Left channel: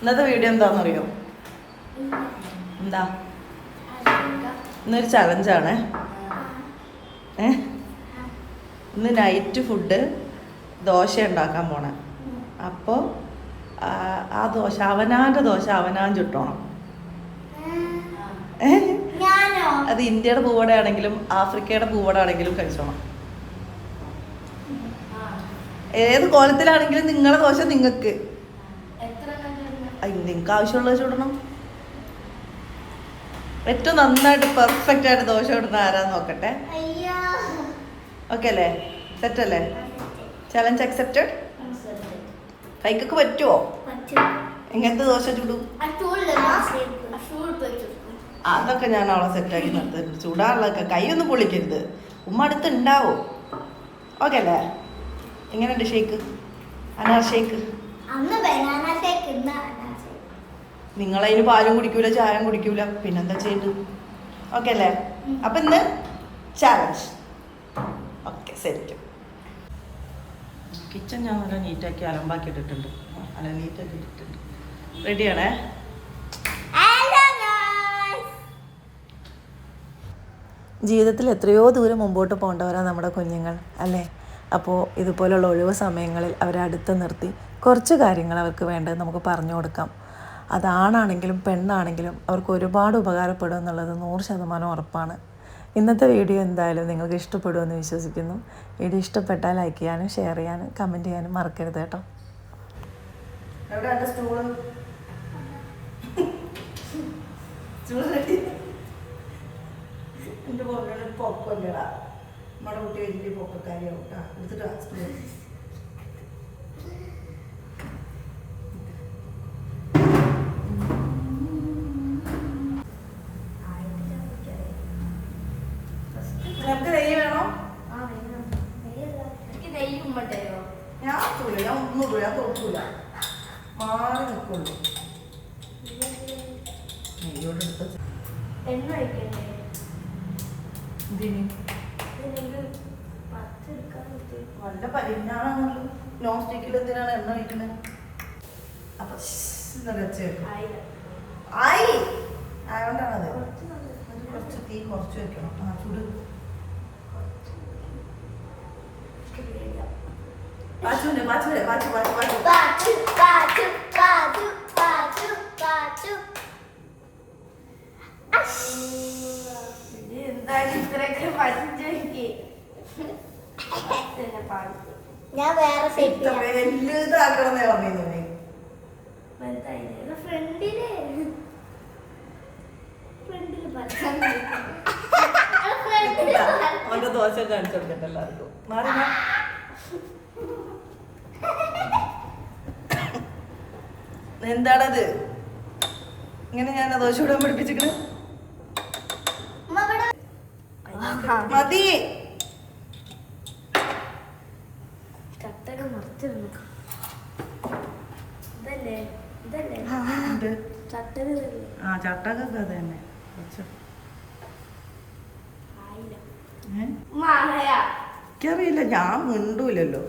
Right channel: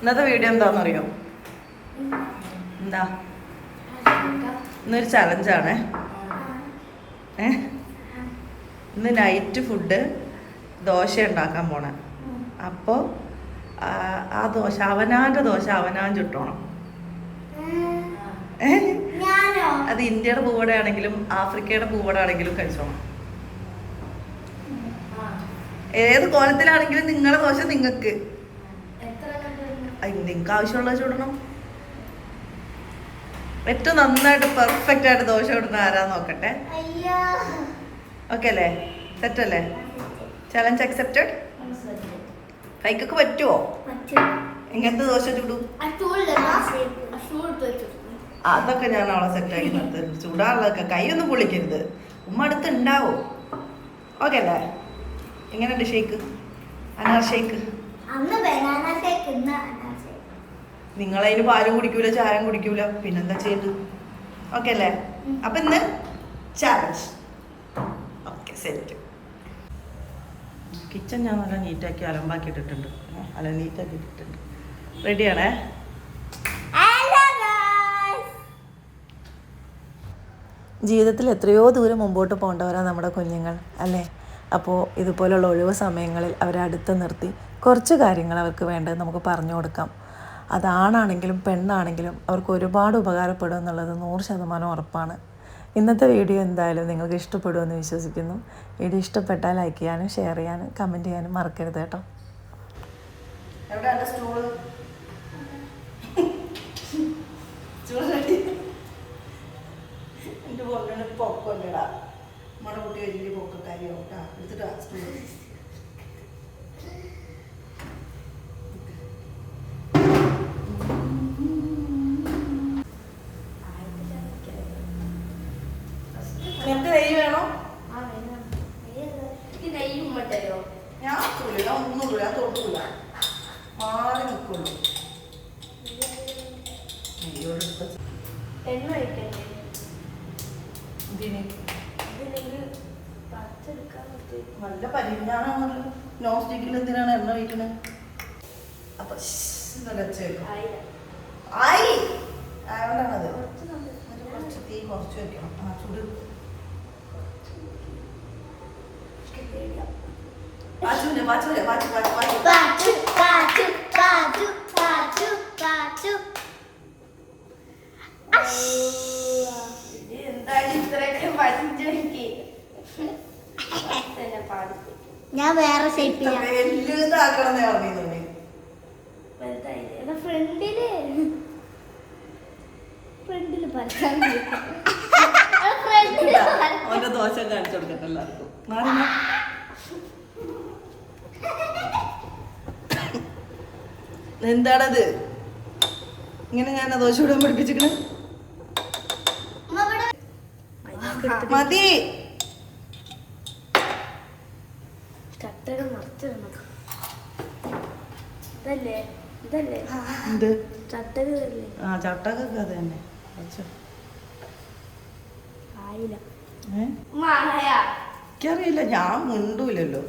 ഇന്നത്തെ വീഡിയോ എന്താണെന്നറിയോ? എന്താ ഇന്നൊരു ചലഞ്ചാണ്. ഇന്ന് നൈറ്റ് ഫുഡ് ദോശ ഉണ്ടാക്കാൻ പോണേ. അപ്പോൾ ആ ദോശ അവനാൻ്റെ ദോശ അവനാൻ ചുട്ടോണം. അത് ഇന്ത്യയുടെ പൂവട ആണെങ്കിലും ആഫ്രിക്കയുടെ പൂവട ആണെങ്കിലും കഴിച്ചോണം. ഏത് കോലത്തിലാണെങ്കിലും നിങ്ങളുടെ ദോശ നിങ്ങൾക്ക് ആവശ്യമുള്ളത് ചുടണം. ഏറ്റവും നന്നായിട്ട് പെർഫെക്റ്റ് ആയിട്ട് ദോശ ഇടുന്ന ആരാന്ന് നോക്കട്ടെ. ഓക്കെ അല്ലേ? സെറ്റ് അല്ലേ? Challenge accepted. കൈക്കൊക്കെ പറ്റുമോ? ഇങ്ങനത്തെ ദോശ ചുടും. അതൊക്കെ ഞാൻ അവളെ സെറ്റാക്കി നിർത്തരുത്. ചൂടാറുള്ളതൊക്കെ കൈയൊന്നും പൊളിക്കരുത്. ഉമ്മ അടുത്ത് ഉണ്ടാവും. ഓക്കെ അല്ലേ? എങ്ങനെയുണ്ട് ഷേക്ക്? അനാർ ഷേക്ക്. നിങ്ങളതിന് പാലും കുടിക്കൂല, ചായം കുടിക്കൂല, പിന്നെന്താ ചെയ്തു? ഓക്കെ അല്ലേ? അപ്പൊ ഇന്ന് ചാലഞ്ച്. Okay set. കിച്ചൺ ഞാൻ നല്ല നീറ്റാക്കി അലമ്പാക്കി ഇട്ടിട്ടുണ്ട്. അല്ല നീറ്റാക്കി ഇട്ടിട്ടുണ്ട്. റെഡിയാണേ? ജീവിതത്തിൽ എത്രയോ ദൂരം മുമ്പോട്ട് പോകേണ്ടവരാണ് നമ്മുടെ കുഞ്ഞുങ്ങൾ അല്ലേ? അപ്പോൾ ഇതുപോലുള്ള ഒഴിവ് സമയങ്ങളിൽ അവരെ അടുത്ത് നിർത്തി കുറച്ച് കാര്യങ്ങൾ അവർക്ക് വേണ്ടത് നമുക്ക് പറഞ്ഞു കൊടുക്കാം. അതാണാണെങ്കിലും പെണ്ണാണെങ്കിലും അവർക്ക് ഒരുപാട് ഉപകാരപ്പെടും എന്നുള്ളത് 100% ഉറപ്പാണ്. ഇന്നത്തെ വീഡിയോ എന്തായാലും നിങ്ങൾക്ക് ഇഷ്ടപ്പെടുമെന്ന് വിശ്വസിക്കുന്നു. വീഡിയോ ഇഷ്ടപ്പെട്ടാൽ ലൈക്ക് ചെയ്യാനും ഷെയർ ചെയ്യാനും കമൻറ്റ് ചെയ്യാനും മറക്കരുത് കേട്ടോ. എൻ്റെ പൊന്നിന് പൊക്കല്ലടാ. നമ്മുടെ കുട്ടി വലിയ പൊക്കക്കാരിയാവും കേട്ടോ. എടുത്തിട്ട് നിനക്ക് നെയ്യ് വേണോ? ഞാൻ തൊടൂല, ഞാൻ ഒന്നും തൊടൂല, ഞാൻ തൊടൂല, മാറി നിൽക്കുള്ളൂ. നെയ്യോട് നല്ല പരിന്താണാണ്. നോൺ സ്റ്റിക്കിൽ എന്തിനാണ് എണ്ണ ഒഴിക്കുന്നത്? അപ്പൊ ആയി അതുകൊണ്ടാണത്. കുറച്ച് തീ കുറച്ച് വെക്കണം. ചൂട് എന്തായാലും ഇത്രയൊക്കെ പഠിച്ചെനിക്ക് ഞാൻ വേറെ വലുതാക്കണമെന്നേ പറഞ്ഞിട്ടുണ്ട്. ദോശ കാണിച്ചു കൊടുത്തിട്ടല്ലോ. എന്താണത്? ഇങ്ങനെ ഞാൻ ദോശ ഇടാൻ പഠിപ്പിച്ചിരിക്കണേ. മതി. ചട്ടകൊക്കെ അത് തന്നെ. എനിക്കറിയില്ല, ഞാൻ മിണ്ടൂലല്ലോ.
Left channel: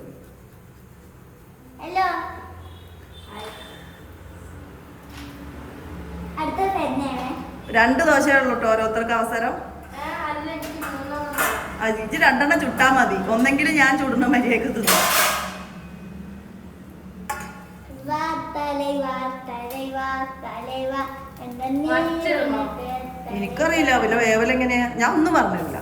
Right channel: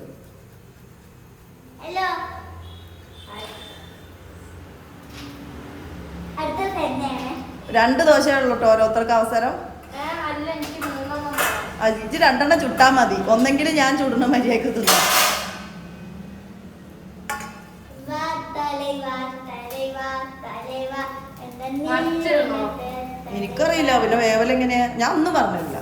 രണ്ട് ദോശയുള്ളൂ കേട്ടോ ഓരോരുത്തർക്ക് അവസരം. ഇത് 2 ചുട്ടാ മതി. ഒന്നെങ്കിലും ഞാൻ ചുടുന്ന മര്യാദക്ക് തിന്നാം. എനിക്കറിയില്ല പിന്നെ വേവലെങ്ങനെയാ, ഞാൻ ഒന്നും പറഞ്ഞില്ല.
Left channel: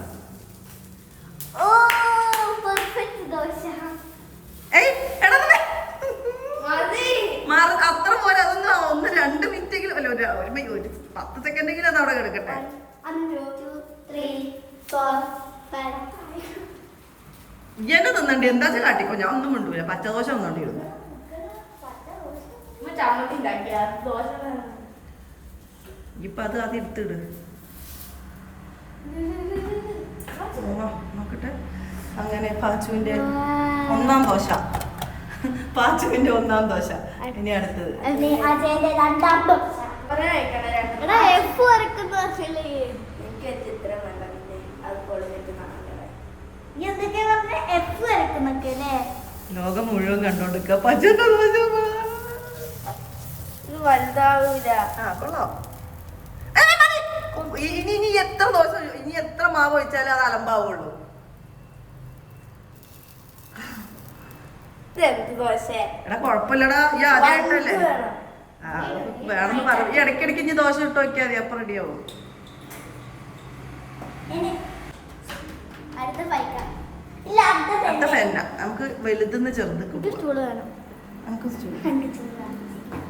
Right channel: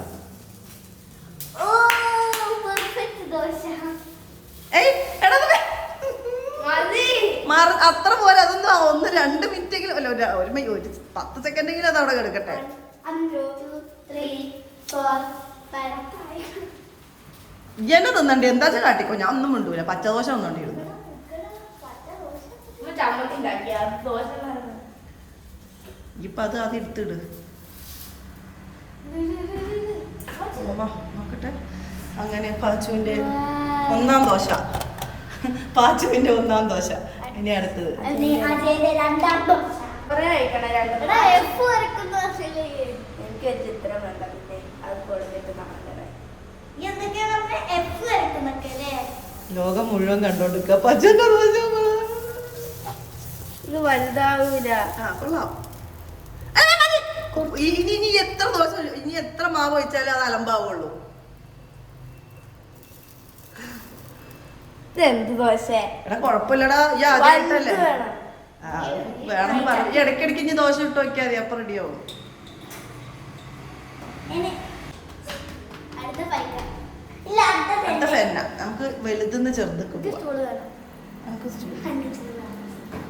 അത്ര പോലെ അതൊന്നും 1-2 മിനിറ്റെങ്കിലും അല്ല, ഒരു 10 സെക്കൻഡെങ്കിലും അത് അവിടെ കിടക്കട്ടെ. ഇങ്ങനെ തിന്നണ്ടി എന്താ കാട്ടിക്കോ, ഞാൻ ഒന്നും മിണ്ടൂല. പച്ചദോശ ഒന്നോണ്ടിരുന്നു. ഇപ്പൊ അത് എടുത്തിട്. നോക്കട്ടെ. അങ്ങനെ പാച്ചുവിന്റെ 1ാം ദോശ. പാച്ചുവിന്റെ 1ാം ദോശ. ഇനി അടുത്തത് ലോകം മുഴുവൻ കണ്ടോണ്ടിരിക്കുക. പച്ചന്റെ ദോശ വലുതാവൂല. കൊള്ളാം. ഇനി എത്ര ദോശ, ഇനി എത്ര മാവ് ഒഴിച്ചാലും അത് അലമ്പാവുള്ളൂ. എടാ കൊഴപ്പില്ലടാ, ഈ ആദ്യമായിട്ടല്ലേ. വേണമെന്ന് പറഞ്ഞു. ഈ ഇടയ്ക്കിടയ്ക്ക് ഇനി ദോശ ഇട്ട് നോക്കിയാൽ മതി, അപ്പൊ റെഡിയാവും. അടുത്ത ഫെന്ന നമുക്ക് വലുതെന്ന് ചെറുതൊക്കെ പോവാം. നമുക്ക്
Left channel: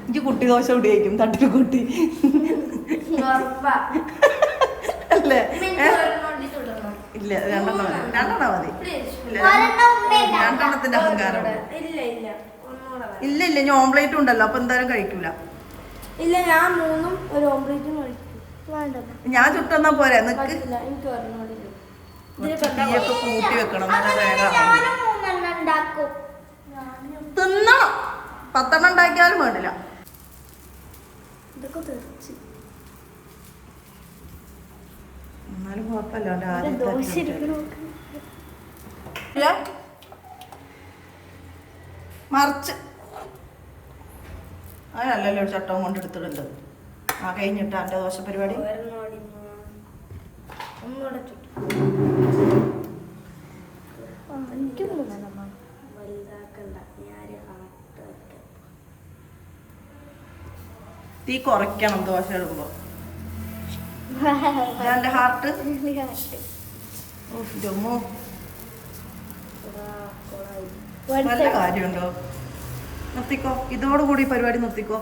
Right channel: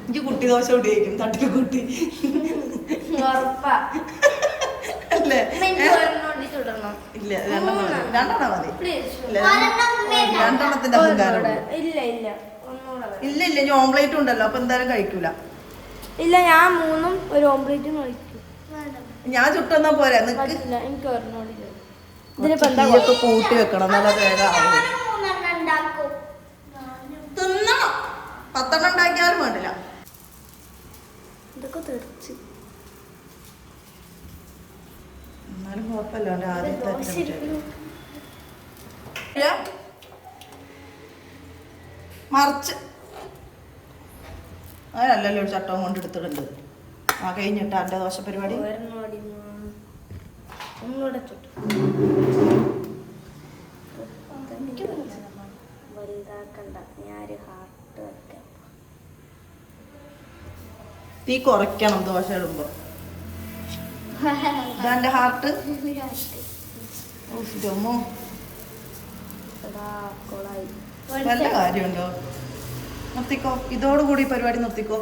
എനിക്ക് കുട്ടി ദോശ ഉപയോഗിക്കും, തട്ടിൽ കുട്ടി അല്ലേ? ഇല്ല, രണ്ടെണ്ണം മതി. രണ്ടെണ്ണത്തിന്റെ അഹങ്കാരം. ഇല്ല ഇനി ഓംപ്ലേറ്റ് ഉണ്ടല്ലോ, അപ്പൊ എന്തായാലും കഴിക്കൂല. ഇല്ല, ഞാൻ 3 ഒരു ഓംപ്ലേറ്റും കഴിക്കും. ഞാൻ ചുട്ടെന്നാ പോരാ. നിനക്ക് എനിക്ക് തീയൊക്കെ കൂട്ടി വെക്കണം, നല്ല വേഗം തിന്നണം. 10 ഉണ്ടാക്കിയാലും വേണ്ടില്ല. എന്നാലും കുഴപ്പമില്ല. അവന്റെ ആദ്യത്തെ മറിച്ച് അങ്ങനല്ലല്ലോ ഒരു ചട്ടവും കൊണ്ട് എടുത്തിട്ടുണ്ട്. കഴിഞ്ഞിട്ട് അവന്റെ ദോശ പരിപാടി. തീ കുറയ്ക്കണം ദോശ ഇടുമ്പോ. ഇതാന്റെ ഹാർട്ട്. വല്ല കാര്യമുണ്ടോ? നിർത്തിക്കോ, ഇതോടുകൂടി പരിപാടി നിർത്തിക്കോ.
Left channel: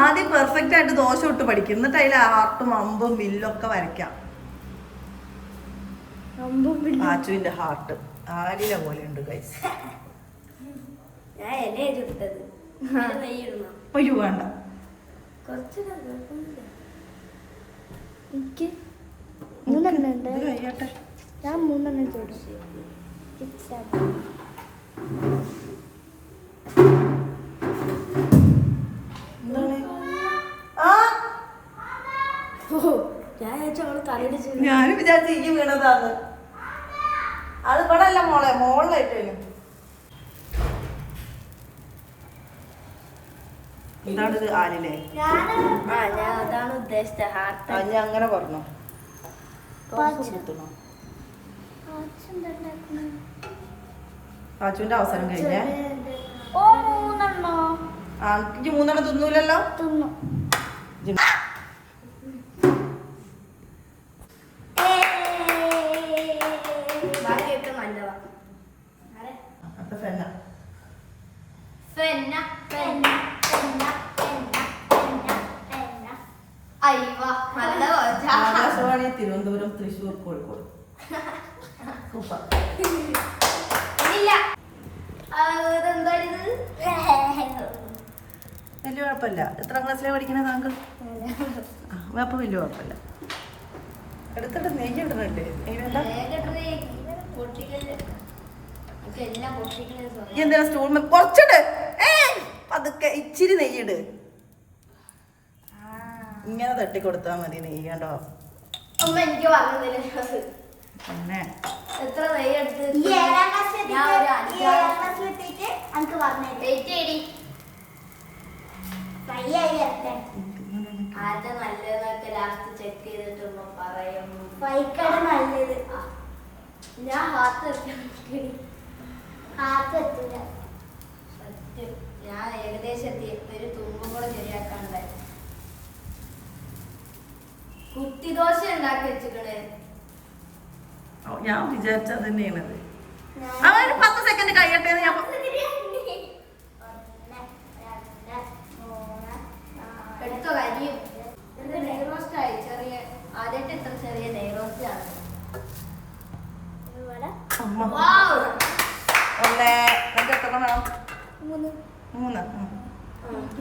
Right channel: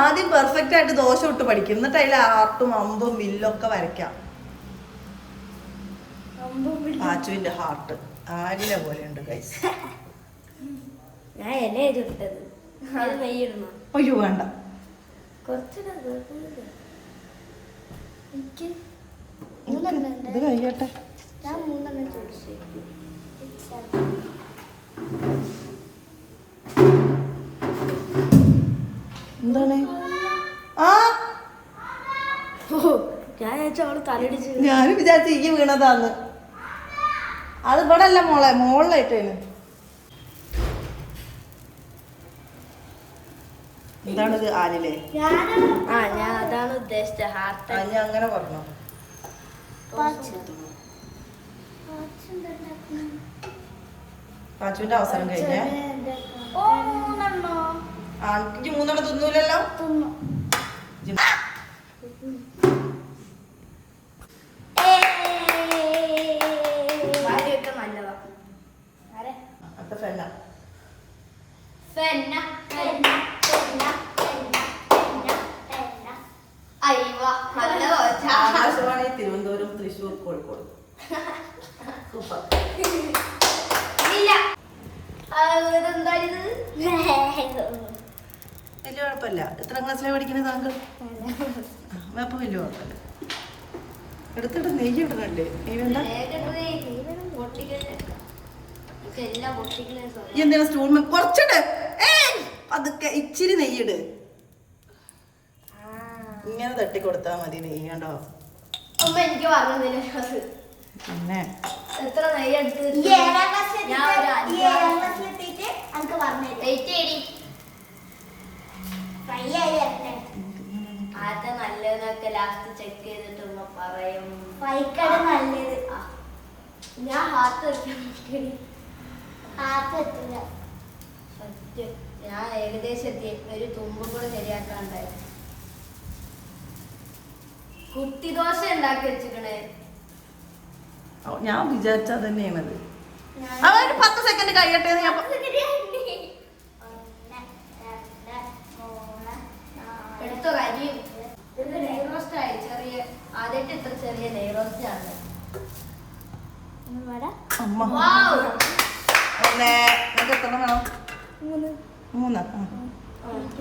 ആദ്യം പെർഫെക്റ്റ് ആയിട്ട് ദോശ ഇട്ട് പഠിക്കും, എന്നിട്ട് അതിൽ ഹാർട്ടും അമ്പും വില്ലൊക്കെ വരയ്ക്കാം. ആച്ചുവിന്റെ ഹാർട്ട് ആരില പോലെയുണ്ട് ഗൈസ്. അയ്യോ വേണ്ട, ഇത് കഴിയട്ടെ. എന്താണ്? ഞാനും വിചാരിച്ചു ഈ വീണതാന്ന്. അത് ഇവിടെ അല്ല മോളെ, മോളിലായിട്ടേലും. എന്താണിത്? ആലിലേ? അതാണ് ഉദ്ദേശിച്ച ഹാർട്ട്. അങ്ങനെ പറഞ്ഞോ. പാച്ചുവിന്റെ അവസരം കഴിഞ്ഞേ. എനിക്ക് 3 തിന്നൂലല്ലോ. ആകാശവാണി തിരുവനന്തപുരം, തൃശ്ശൂർ, കോഴിക്കോട്. സൂപ്പർ. വലിയ കുഴപ്പമില്ല. എത്ര ക്ലാസ്സിലാണ് പഠിക്കുന്നത് താങ്കൾ? അപ്പൊ വലിയ കുഴപ്പമില്ല. എടുത്തിട്ട് നെയ്യ് ഇടണല്ലേ? നെയ്യ് വേണ്ട. എന്തിനാ സ്റ്റൂൾ കുറച്ചിട്. പതുക്കെ ഇച്ചിരി നെയ്യിട്. ഇങ്ങനെ തട്ടിക്കൊടുത്താ മതി. നെയ്യ് കണ്ടോ? പിന്നെ എത്ര നെയ്യ് എടുത്ത് അത് നല്ലതൊക്കെ ലാസ്റ്റ് ചെക്ക് ചെയ്തിട്ട് പറയും. നല്ലത് ഞാൻ ഹാർട്ട് എത്തില്ല. സത്യം ഞാൻ ഏകദേശം എത്തി. ഒരു തുമ്പും കൂടെ ശരിയാക്കാണ്ടായി. കുട്ടി ദോശ ഉണ്ടാക്കി വെച്ചിക്കണേ. ഞാൻ വിചാരിച്ചാ തന്നെയാണത്. 10 സെക്കൻഡ് കഴിയട്ടെ. ഞാൻ എടുത്തോ കരിയും. നെയ് റോസ്റ്റ് ആയി. ചെറിയ ആദ്യമായിട്ട് ഇത്ര ചെറിയ നെയ് റോസ്റ്റ് ആണ്.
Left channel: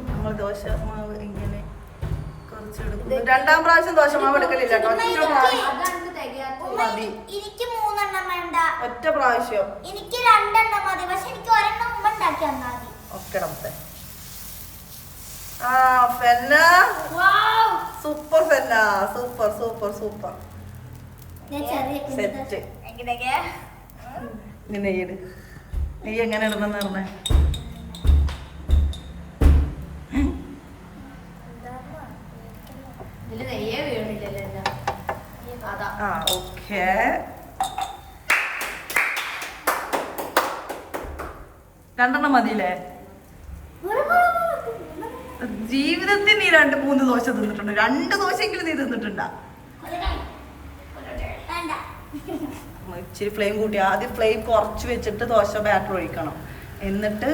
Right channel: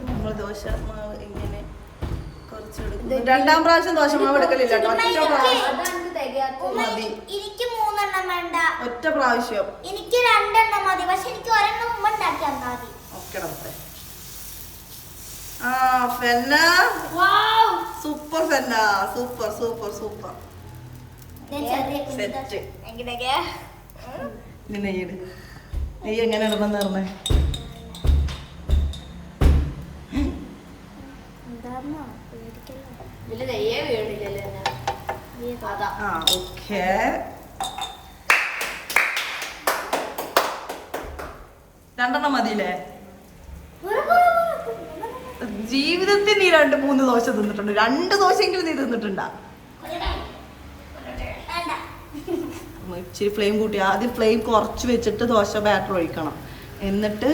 നമ്മൾ ദോശ മാവ് ഇങ്ങനെ കുറച്ചെടുക്കും. 2ാം പ്രാവശ്യം ദോശ മാവ് എടുക്കലില്ല കേട്ടോ. മതി. എനിക്ക് 3 എണ്ണം വേണ്ട. ഒറ്റ പ്രാവശ്യം. എനിക്ക് 2 എണ്ണം മതി. പക്ഷെ എനിക്ക് 1 എണ്ണം മുമ്പ് ഉണ്ടാക്കി തന്നാ മതി. ഒക്കെ ഫെന്ന. സൂപ്പർ ഫെന്ന. Super super super. സെറ്റ്. നെയ്യ് നെയ്യ് എങ്ങനെ ഇടണമെന്ന് പറഞ്ഞേ? ഓക്കേ. രണ്ടെണ്ണം മതിയില്ലേ? ജീവിതത്തിൽ നീ 2-3 ദോശ തിന്നിട്ടുണ്ട്. 2 ദോശയെങ്കിലും നീ തിന്നിട്ടുണ്ടാ? ഇച്ചിരി ഫ്ലെയിം കൂട്ടി, ആദ്യം ഫ്ലെയിം കുറച്ച് വെച്ചിട്ട് ദോശ ബാറ്റർ ഒഴിക്കണം. എന്നിട്ട്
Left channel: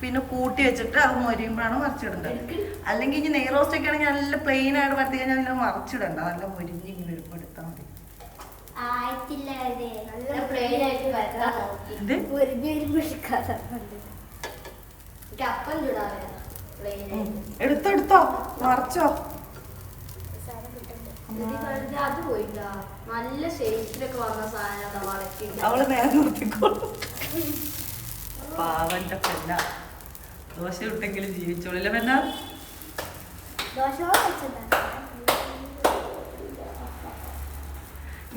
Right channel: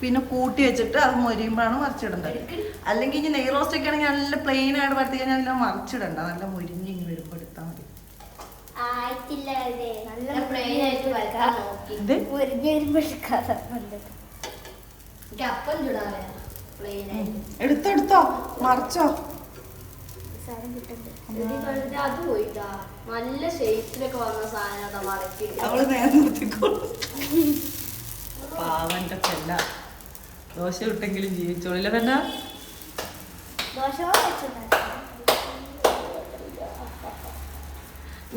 പിന്നെ കൂട്ടി വെച്ചിട്ട് അത് മൊരിയുമ്പോഴാണ് മറിച്ചിടേണ്ടത്. അല്ലെങ്കിൽ ഇനി നെയ് റോസ്റ്റ് ഒക്കെ ആണെങ്കിൽ നല്ല പ്ലെയിൻ ആയിട്ട് പരത്തി കഴിഞ്ഞാൽ അതിൽ മറിച്ചിടണ്ട, നല്ല മൊരിഞ്ഞ് വെളുപ്പെടുത്താൽ മതി. എടുത്തോ മറിച്ചോ. നല്ല ഷേപ്പിലൊക്കെ വന്ന സാധനം അവള് നേരെ നിർത്തിക്കോളും. പാവന്റെ പെല്ല ദോശ ഇട്ടെങ്കിലും ജീവിച്ചോളില്ല പെണ്ണ.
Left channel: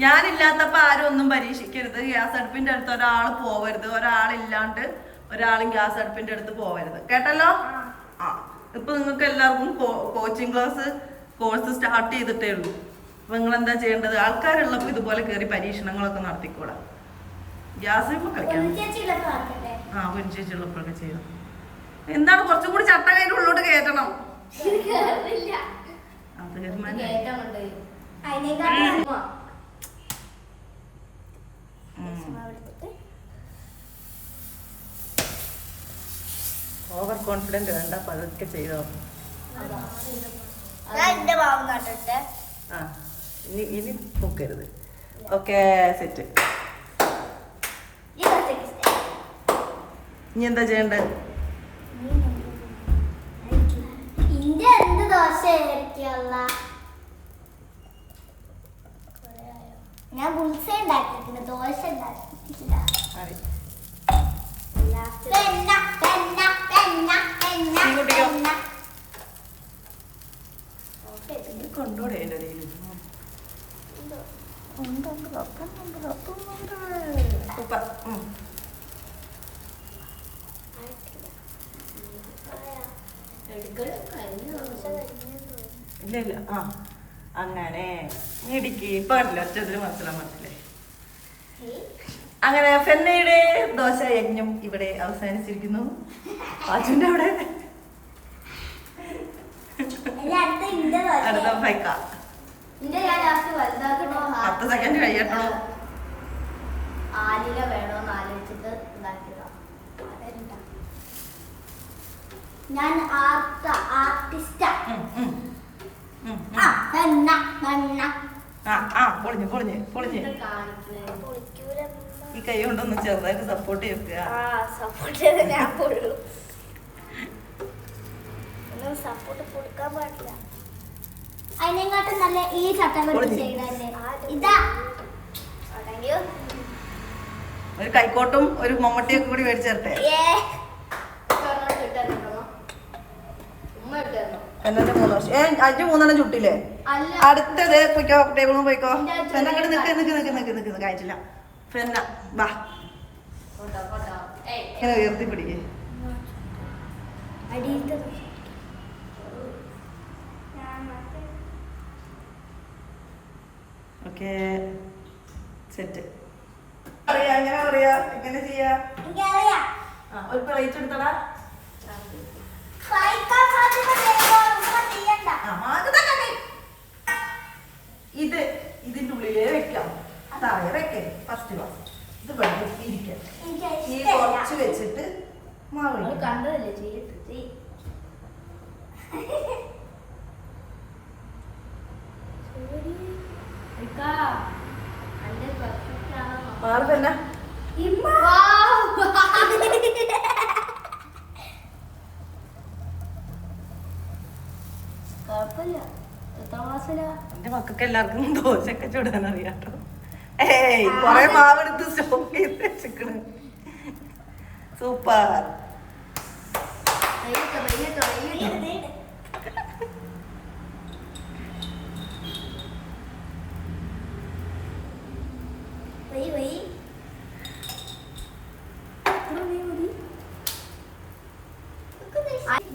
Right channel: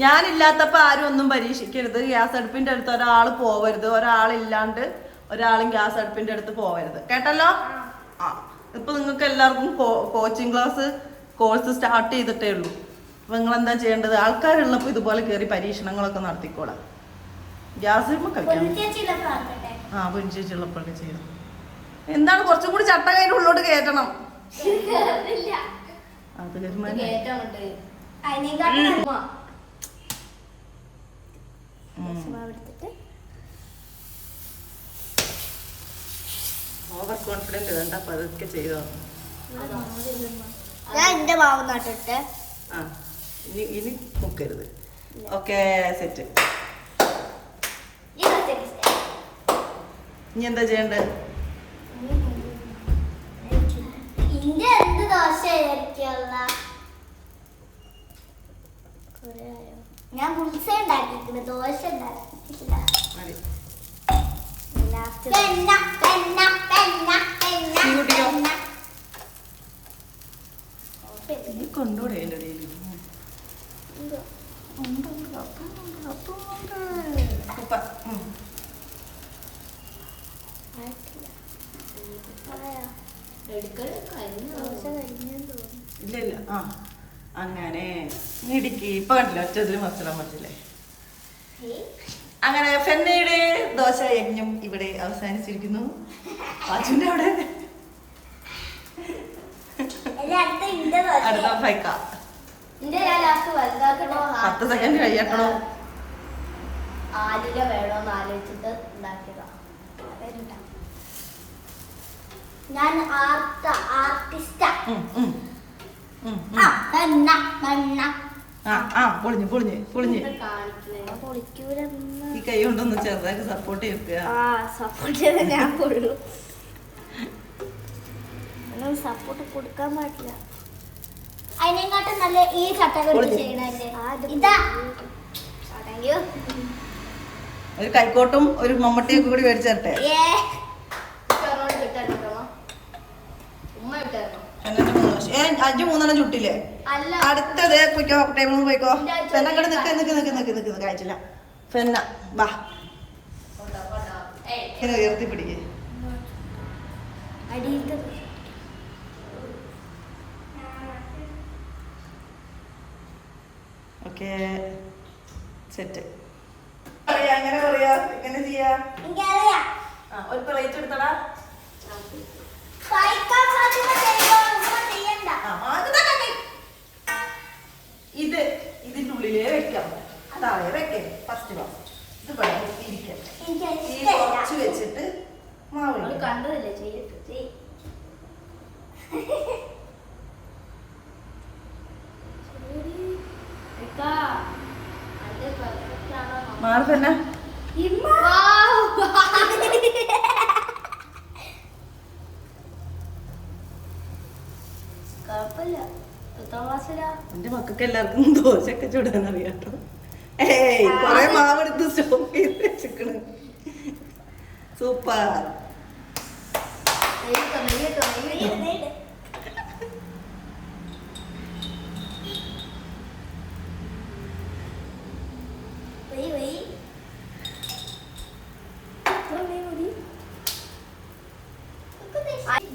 ഞാനില്ലാത്തപ്പോ ആരും ഒന്നും പരീക്ഷിക്കരുത്. ഗ്യാസ് അടുപ്പിന്റെ അടുത്ത് ഒരാൾ പോവരുത്, ഒരാളില്ലാണ്ട് ഒരാളും ഗ്യാസ് അടുപ്പിന്റെ അടുത്ത് പോവരുത്, കേട്ടല്ലോ? ആ, ഇപ്പൊ നിങ്ങൾക്ക് എല്ലാവർക്കും കോച്ചിങ് ക്ലാസ് കോഴ്സ് സ്റ്റാർട്ട് ചെയ്തിട്ടേ ഉള്ളൂ. അപ്പൊ നിങ്ങൾ എന്താ ചെയ്യേണ്ടത്? ആൾക്കാരുള്ളപ്പോ ഇതുപോലെ കയറി പരീക്ഷണങ്ങളൊക്കെ നടത്തിക്കോളാം. ഗ്യാസ് കളിക്കാം. ആ, പൊരിച്ചുള്ളപ്പോഴൊക്കെ ചെയ്യണം. എന്താണ് കുറച്ചും കൂടി ചട്ട കയ്യിൽ ഉള്ളോട്ട് കയറ്റണം. ഓവർ കോൺഫിഡന്റ് വേണ്ട, പതുക്കെ ചെയ്തോ. ആ, ഇനി പൊക്കരുത്. Okay, set. ഇനി എന്താ ചെയ്യണ്ടേ? ഞാൻ ബുൾസ ഉണ്ടാക്കിയിരിക്കുന്നു, ദോശ ഉണ്ടാക്കിയിട്ടില്ല. കൊണ്ടോടെ അതിൻ്റെ ഇടയിൽ സൂപ്പർ. ഇല്ല ഇല്ല, ആ അങ്ങനെ ഇടിക്ക്. ഇപ്പൊ കണ്ടില്ല, ഒറ്റതിൽ മനസ്സിലാ. അങ്ങനെ ഫെന്നയുടെ ദോശ യജ്ഞം ഇവിടെ അവസാനിച്ചിരിക്കുന്നു. അച്ഛൻ്റെ അവിടെ അടുത്ത ഫൈക്ക 10 സെക്കൻഡ് കഴിയട്ടോ. ആലില വേണോന്ന് ആലോചിച്ചിട്ട് ഉണ്ടാക്കിയതാ. ഞാൻ ആർട്ടിസ്റ്റാ. പൊളിഞ്ഞ് ഈ കൈ കൊണ്ടൊന്ന് ചെറുതായിട്ട് സപ്പോർട്ട് ചെയ്യ. സപ്പോർട്ട് കൊടുക്കാൻ പാടില്ല. അതിനെക്കാട്ടും നല്ല ഈ ചട്ടകൾ ഇതാ. ഒരു കൈക്കോട്ടും ഒരു മമ്മട്ടിയൊക്കെ കൂടി മേടിച്ചേരട്ടെ. പെണ്ണന്റെ 3 വർഷം 5-3 ചുട്ടില്ലേ? അടുത്തത് പോയിക്കോ, ടേബിളും പോയിക്കോ. പെണ്ണ അങ്ങോട്ട് നിക്ക് കഴിച്ചില്ല. പെണ്ണ വാ, ഇങ്ങനെ ഉയർത്തി പിടിക്കേ. Okay, set. എങ്ങനെ പറയാ, എങ്ങനെ ചെയ്യാ? ഒരു പ്ലേറ്റ് എടുത്തടാ. ഇതിന്റെ ഉള്ളിലേ വെക്കാം. താഴെ വെക്കേ. ഫസ്റ്റ് വാ, ഇത് ഇരിക്കാം. ഈ കുറച്ച് വെച്ചിട്ട് മാവ് കണ്ടതല്ലേ ചെയ്തിട്ട് മാവ് തന്നെ. കുഴപ്പമില്ല. എത്ര ക്ലാസ്സിലാ? എന്റെ മക്കൾക്ക് എല്ലാവർക്കും ദോശയൊക്കെ ചൂടാൻ അറിയാട്ടോ. ഏയ്, കൊറേ മാവെടുത്ത് സ്റ്റോക്ക് ചെയ്ത് വെച്ചിക്കണ്. സൂപ്പർ.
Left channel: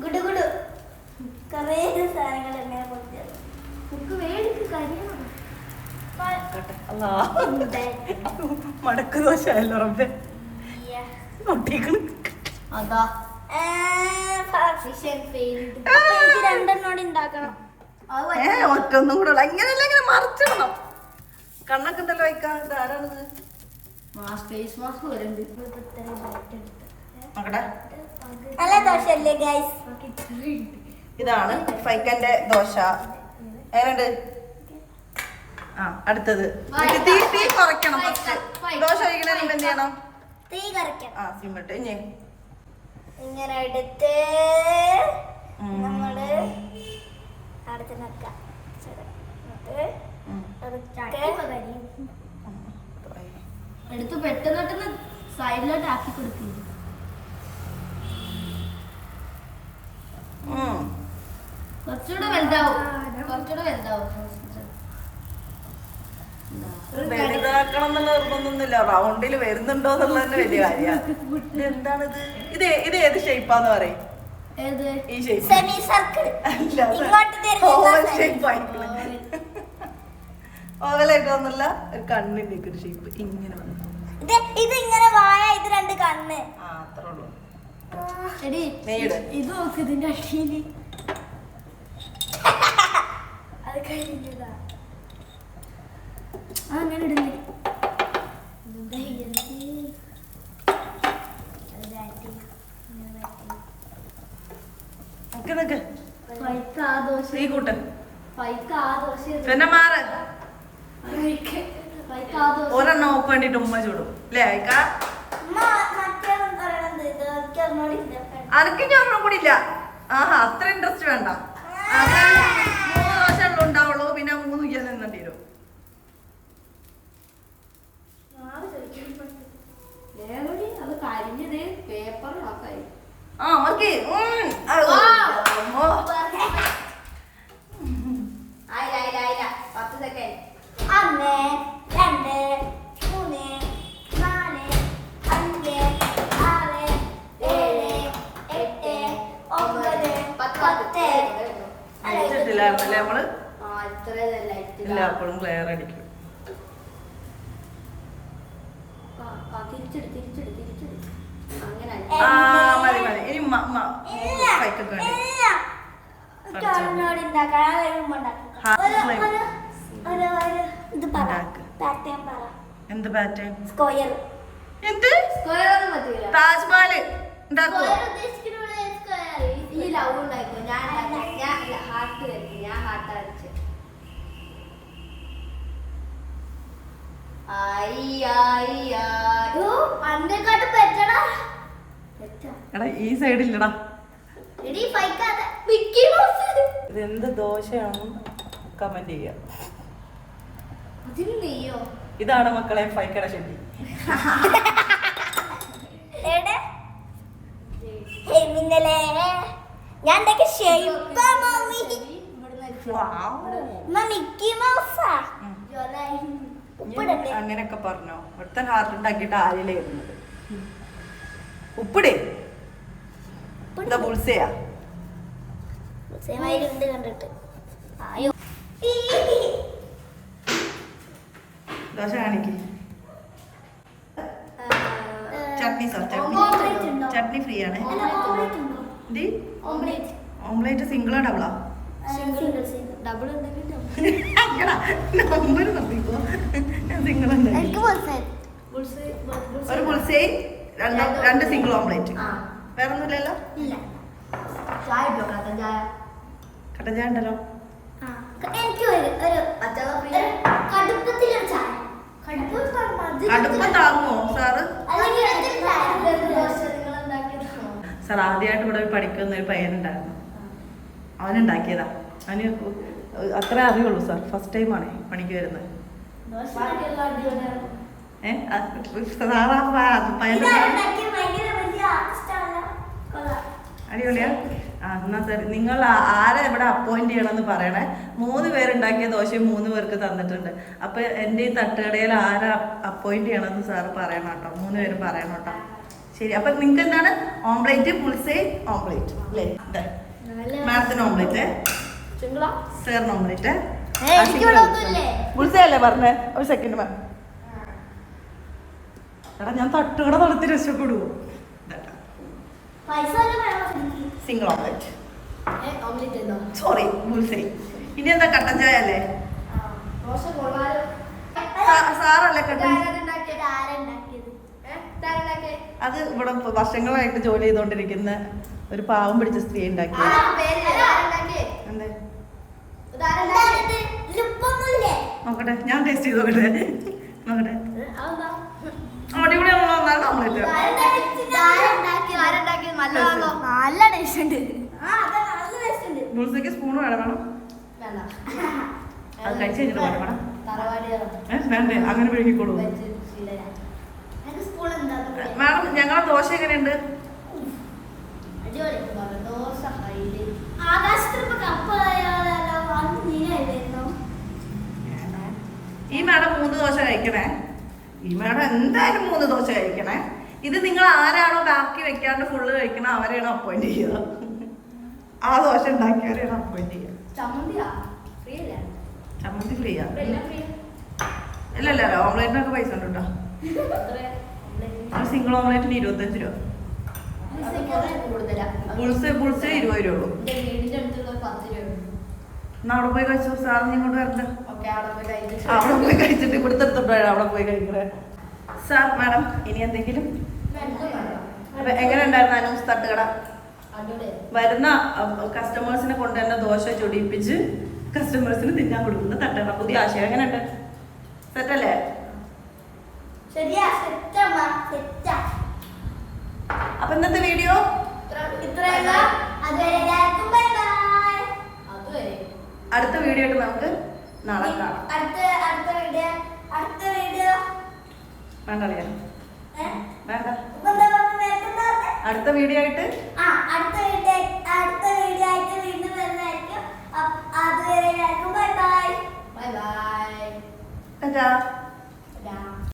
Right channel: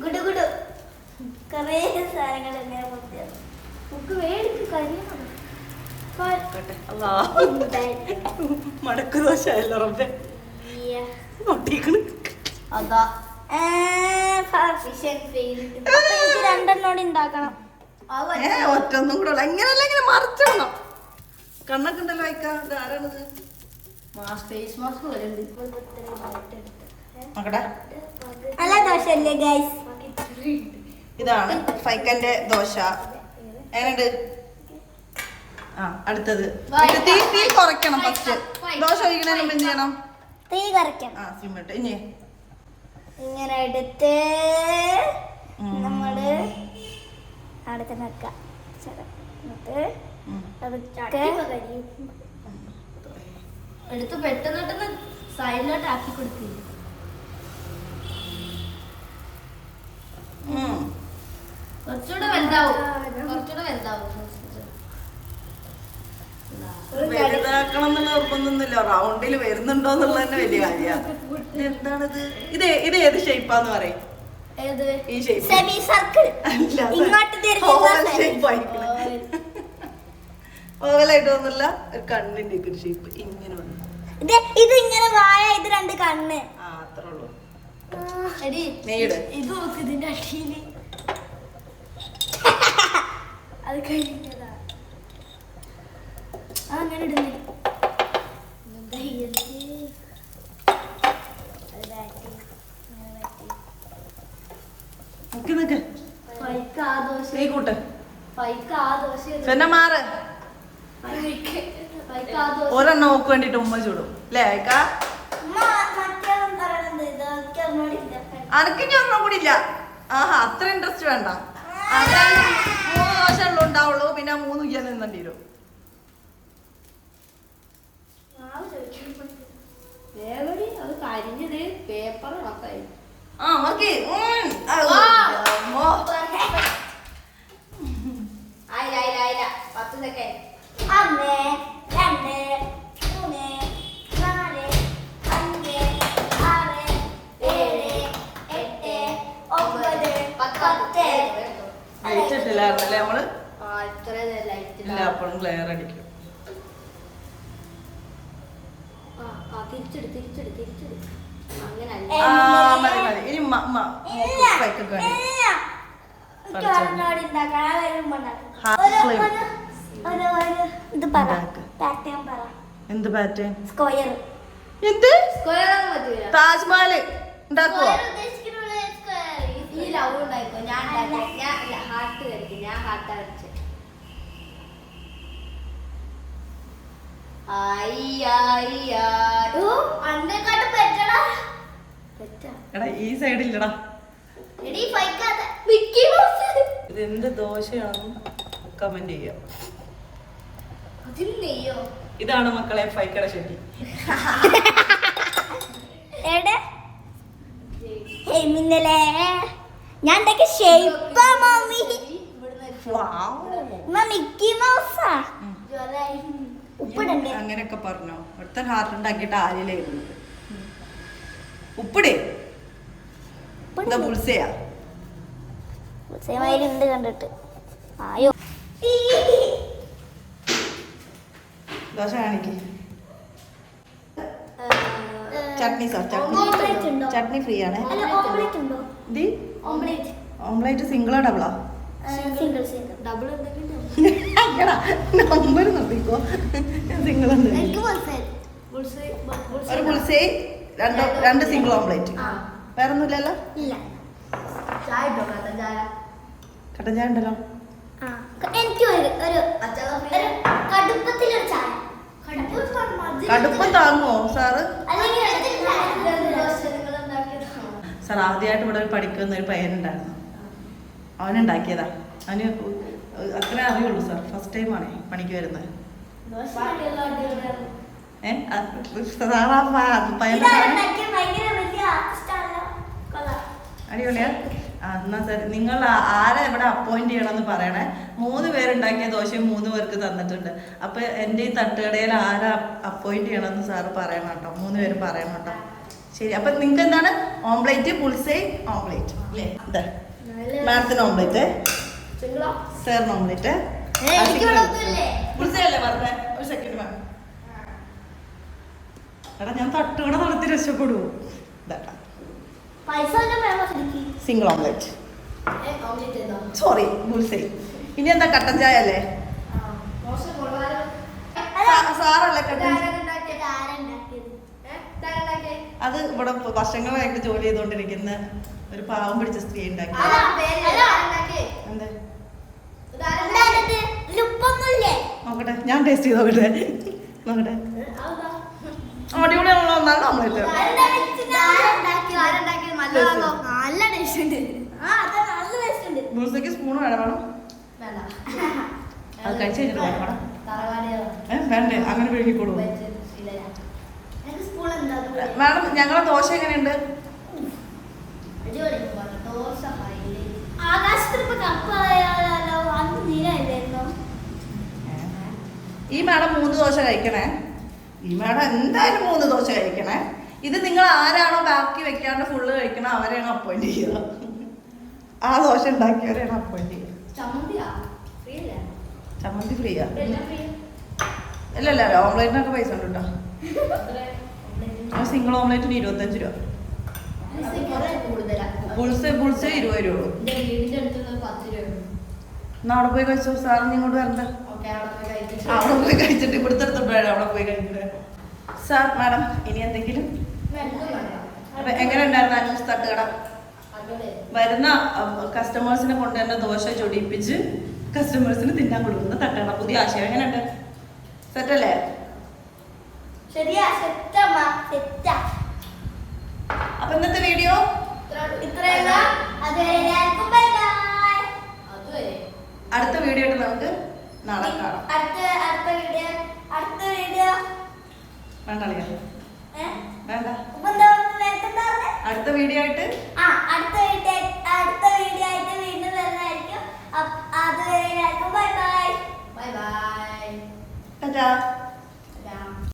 ഗുഡുഗുഡു കുറേ സാധനങ്ങൾ എങ്ങനെ പൊട്ടിയത്. ബുക്ക് വേടിക്ക് കഴിയണം. മടക്ക് ദോശ അല്ല റബ്ബേ ഒട്ടിക്കണ്. അതാ രണ്ടെണ്ണോട് ഉണ്ടാക്കണം. ഒറ്റൊന്നും കൂടെ ഉള്ള ഇങ്ങനെയല്ല ഇങ്ങനെ മറിച്ചിടണം. കണ്ണൊക്കെ ഉണ്ടല്ലോ വയ്ക്കാ. ആരാണിത്? ഫേസ് മാസ്ക് വരുന്നുണ്ട്. നോക്കട്ടെ. നല്ല ദോശയല്ലേ ഗൈസ്? ഇതാണ് ഫൈക്കന്റെ ദോശ. എങ്ങനെയുണ്ട്? ആ അടുത്തത് തീ തീ കുറയ്ക്കണം. ഫസ്റ്റ് ദോശ കഴിക്കണതിന് മുമ്പ് എന്ത് ചെയ്യണം? തീ കുറയ്ക്കണം. ആ സിമ്മിട്ട് ഇനി ഇങ്ങനെ എടുത്ത് നമ്മള് അടുത്ത് വെക്കാം. എടുത്ത് പെട്ടെന്ന് സൈഡിലോട്ട് ആക്കി കൊടുക്കില്ല. കുറച്ചുകൂടെ വലുതാവും. വലുതാക്കണം എന്നുള്ള നിർബന്ധമൊന്നുമില്ല. റൗണ്ടിൽ വരുന്നുണ്ടോ എന്നുള്ളത് തന്നെ വലിയ കാര്യമാണ്. എന്താണിത്? ഇത് ഏത് ഷേപ്പാന്ന് പറയും? ഈ ഷേപ്പ് ഓവലായിട്ട് വന്നില്ല. ഒരു കണ്ണിന്റെ ഒരു ഷേപ്പ് ഇങ്ങനെ വന്നു. ഇത് ഇങ്ങനെ വായ, ഇത് രണ്ട് കണ്ണ്. ആ അത്രേ ഉള്ളൂ. ഇത് നോക്ക് ഇതിന്റെ അടിയില്. അത് കഴിഞ്ഞിട്ടതാ. അങ്ങനെ ഇടുന്നേ. ഒരെണ്ണം നോക്ക് വേണ്ടിട്ട് ഉമ്മ ചൂടും അല്ലേ? അയക്കാ അനക്ക് ഞാൻ ഒരെണ്ണം കൂടി ഇല്ല. ആഹാ അത്ര ഇൻട്രസ്റ്റ് വേണ്ട. 3 ദോശ ഉണ്ടാവുള്ളൂ. പിന്നെ 3 ഇയ്യാൻ നിന്നേണ്ടി വരും. അത് കരിഞ്ഞത് പേപ്പർ നോക്കായി. ആ ഓക്കെ. ആയില്ല 10 സെക്കൻഡ്. 1 2 3 4 5 6 7 8 9 10. ഇട്ടിട്ടില്ലായിരുന്നല്ലേ നമ്മള്? ഇല്ല, അപ്പോഴും ക്ലിയർ അടിക്കും. തിരിച്ചെടു. അങ്ങനെ മതി ഇനി എന്ത് പാറ്റേൺ? സ്ക്വയർ. എന്ത് താജ്മഹൽ ഉണ്ടാക്കോ? ഈ ലവ് ഉണ്ടായിക്കോ. ഞാൻ ഹാർട്ട് വരയ്ക്കും. ഞാൻ ഹാർട്ട് വരച്ച്. എടാ ഈ സൈഡില്ലടാ. ഇതെന്ത് ദോശയാണെന്ന് കമന്റ് ചെയ്യാം. ഇതാണ് മക്കളെ ഫൈക്കട ഷെഡി. ഞാൻ അങ്ങനെയൊക്കെ പറഞ്ഞോ. ഒരുത്തൻ ഹാർട്ട് ഉണ്ടാക്കിയിട്ട് ആരിലായിരുന്നു. ഉപ്പിടേ എന്താ ബുൾസയാ? കണ്ടിട്ട് ദോശ കാണിക്ക്. ചട്നി ചട്നി ഫ്രീ ആണ്. ഓംലേറ്റ് സിംഗിളാ ഡബിളാ? ഡബിൾ നമ്പർ നോക്കിക്കോ. സിംഗിൾ ഒരു ബുൾസൈ, രണ്ട് സിംഗിൾ ഓംലേറ്റ്. വേറെ ഒന്നുമില്ലല്ലോ? കട്ടൻ ചായ ഉണ്ടല്ലോ. കടുപ്പം താങ്ങുമോ സാറ്? സാർ ആദ്യമായിട്ട് ഇവിടെ പഠിക്കുന്ന ഒരു പയ്യനുണ്ടായിരുന്നു. അവനുണ്ടാക്കിയതാ. അവന് അത്ര അറിയുള്ളൂ സാർ. ഫസ്റ്റ് ടൈമാണേ പണിക്ക് വരുന്നത്. അടിപൊളിയാ. എന്നാ സാർ നിങ്ങൾ ആരെ ഇവിടെ അപ്പോയിന്റ് ചെയ്യണമെന്ന് പറയണേ. 3 പേരുണ്ടാക്കിയ ദോശയും 3 പേർക്ക് തന്നിട്ടുണ്ട്. അപ്പൊ എൻ്റെ ഈ തട്ടുകടയിൽ ആരെ അപ്പോയിന്റ് ചെയ്യണമെന്ന് സാറ് പറയണം കേട്ടോ. 3 പേരും പറയണം കേട്ടോ. ശരി. അപ്പൊ നിങ്ങൾക്ക് എന്താണ്? ഓംപ്ലേറ്റ്, പുൾസൈ, ഓംപ്ലേറ്റ് അല്ലേ? മാഡത്തിന് ഓംപ്ലേറ്റ്, സാറിന് ഓംപ്ലേറ്റ്, ബുൾസയല്ലേ പറഞ്ഞേ? ഒരു സെക്കൻഡ് വേണം. എടാ ഞാൻ തട്ടുകട നടത്തി രക്ഷപ്പെടുവോ? Single omelette. Sorry bullseye. ഇനി എന്താ കട്ടൻ ചായ അല്ലേ? സാറല്ലേ കട്ടൻ? അത് ഇവിടെ വർഷങ്ങളായിട്ട് ജോലി ചെയ്തോണ്ടിരിക്കുന്ന ഒരു പാവം പിടിച്ച സ്ത്രീ ഉണ്ടാക്കി. നോക്കട്ടെ, ഞാൻ ടേസ്റ്റ് ചെയ്ത് നോക്കട്ടെ. നോക്കട്ടെ, അടിപൊളിയാണല്ലോ. നല്ല ഓംലെറ്റ്. ബുൾസയ്ക്ക് സ്പൂൺ വേണം? അത് കഴിച്ച് കഴിഞ്ഞിട്ട് വേണം വേണം. വേണ്ടേ? അങ്ങനെ വിഴുങ്ങിക്കോളൂ. മാഡം ഞങ്ങളെ ദോശ എങ്ങനെയുണ്ട്? ഈ മാഡം 3 ദോശ കഴിക്കണേ. ഈ മാഡം എന്തായാലും 3 ദോശ കഴിക്കണേ. ഇത് നിങ്ങൾ ആരാണോ ബാക്കി വെക്കാണ്ട് ഫുള്ള് കഴിക്കണം അവരെയാണ് അപ്പോയിന്റ് ചെയ്യുക. ആ ദോശ ഉണ്ടാക്കിയവരെയാണ് അപ്പോയിന്റ് ചെയ്യുക. ചമ്മന്തി ഫ്രീയാ? ഇല്ല ഓംലേറ്റിനൊക്കെ പൈസ ഉണ്ട് കേട്ടോ. സിംഗിൾ ഓംലേറ്റിന് 25 രൂപ. ബുൾസ് 20 രൂപ. എന്നാ അവിടെ പോയി കഴിച്ചു. സാറിന് ഇങ്ങോട്ട് വരണ്ട. അവിടെ പോയി കഴിച്ചിട്ട് ഇവിടുത്തെ എടുത്തോട്ട് വേണം അവിടെ പോയി കഴിക്കുന്നത്. സാർ മാഡം ഇനി എന്തെങ്കിലും? അപ്പൊ എങ്ങനെ ഉണ്ടായിരുന്നു അനൂസ് തട്ടുകട? വരുന്ന കസ്റ്റമേഴ്സിനെ കൊണ്ട് തന്നെ ദോശ ചൊടിയിപ്പിച്ച് കസ്റ്റമേഴ്സിന് തിന്നാൻ കൊടുക്കുന്ന തട്ടുകട. പുതിയ ആശയം എങ്ങനെയുണ്ട്? സെറ്റല്ലേ? അപ്പൊ ഇന്നത്തെ വീഡിയോ അടുത്ത വീഡിയോ ആയിട്ട് നമുക്ക് നാളെ കാണാം. വേണ്ടല്ലേ? വേണ്ട. അടുത്ത വീഡിയോ ആയിട്ട് വീണ്ടും വരുന്നതായിരിക്കും. അതുവരെ ബൈ ബൈ. ടാറ്റാ.